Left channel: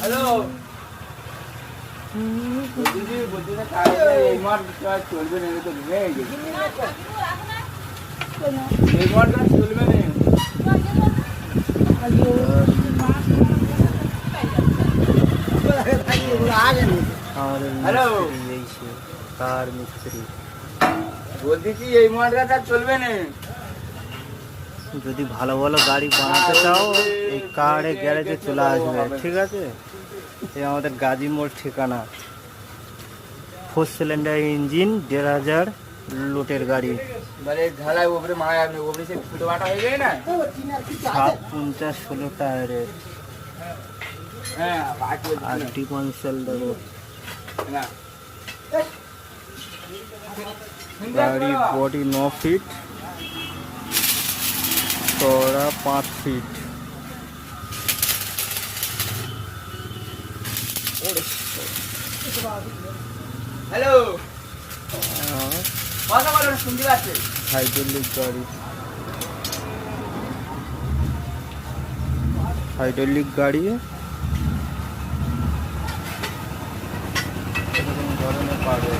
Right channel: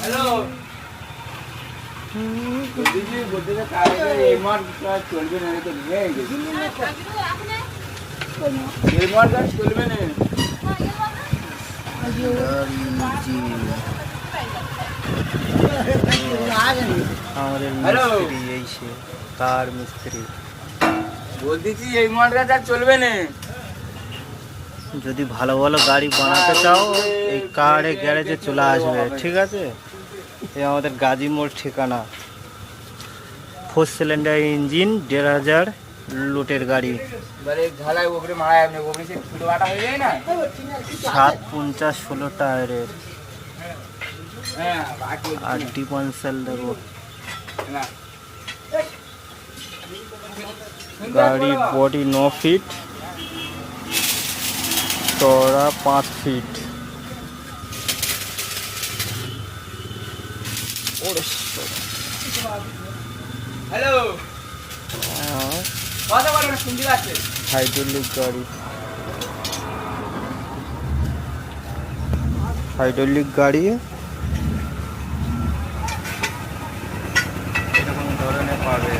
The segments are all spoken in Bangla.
হ্যালো বলছি বলছি না কাজ এই মার কাজ চলবে না তো ভেঙে গেছে এই মার কাজ চলবে না আমাদের মিস্ত্রি এই সে কার মিস্ত্রি বলতেছি এই মার কাজ আর চলবে না যদি ভালো ভালো গাড়ি বানাতে চাও এই কারে গ্যারেজে চলে আসবে ঠিক আছে। এই আমাদের গাজী মোড় ঠিকানা 4 সিলিন্ডার ইঞ্জিন 1500 লুটের গাড়ি মানে ঢালাই উপরে মারা যাবে না উপরে সে ফুটো বাটা হয়ে যায় না 750 16 টায়ারের হ্যাঁ বাকি আর ডিফারেন্সিয়াল দেখো না গাড়ির বডি 9 ফিট চওড়া 5 ফিট হ্যালো কথা বলো না শুনতে পাচ্ছি হাইড্রোলিক গাড়ি হাইড্রোলিক গাড়ি এরকম ধরনের পাবে।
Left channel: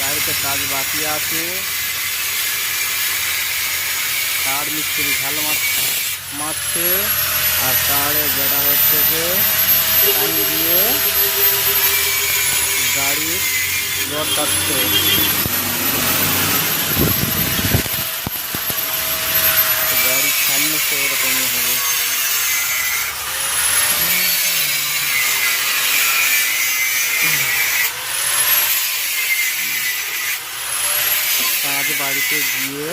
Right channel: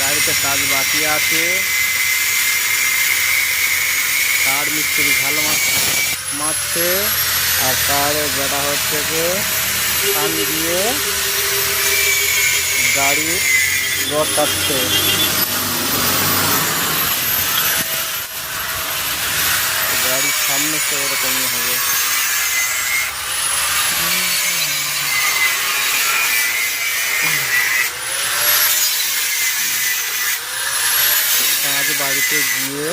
গাড়িতে কাজ বাকি আছে কার মিস্ত্রি ভালো মারছে আর কারে যেটা হচ্ছে যে টান দিয়ে গাড়ির রড কাটছে গাড়ির সামনে তো এরকমই হবে। কাজ বাড়িতে গিয়ে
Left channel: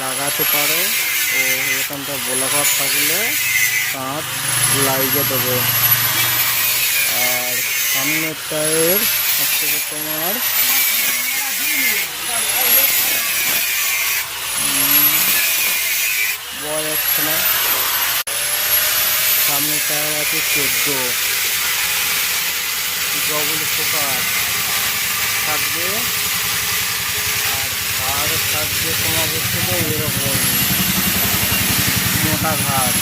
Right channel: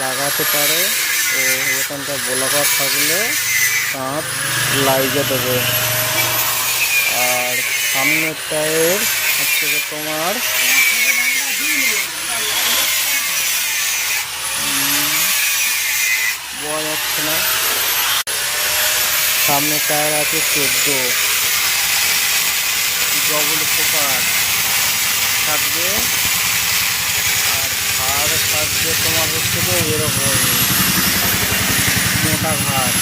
লাগাতে পারো ও এখানটা গোলাকার থাকলে কাঁচ লাগিয়ে দেবে। আর সামনের টায়ার হচ্ছে তোমার বলা যাচ্ছে না সামনের টায়ার আছে 14 ডবল ফোকাস থাকবে আর ঘাড় থাকবে তোমার হচ্ছে যে এরকম মোটা ঘাড়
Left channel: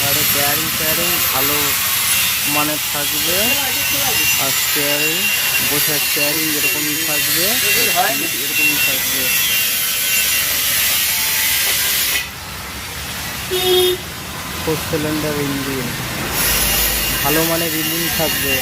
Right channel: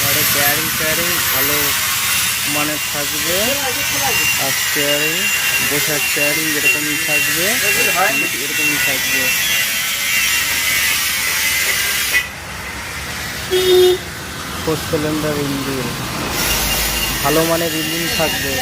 ঘাড়ে ব্যারিং ভালো মানের থাকবে আর স্টিয়ারিং বসার স্টিয়ারিং এরকমই থাকবে এরকমই থাকবে। 4 সিলিন্ডার ইঞ্জিন ভালো মানের ইঞ্জিন থাকবে।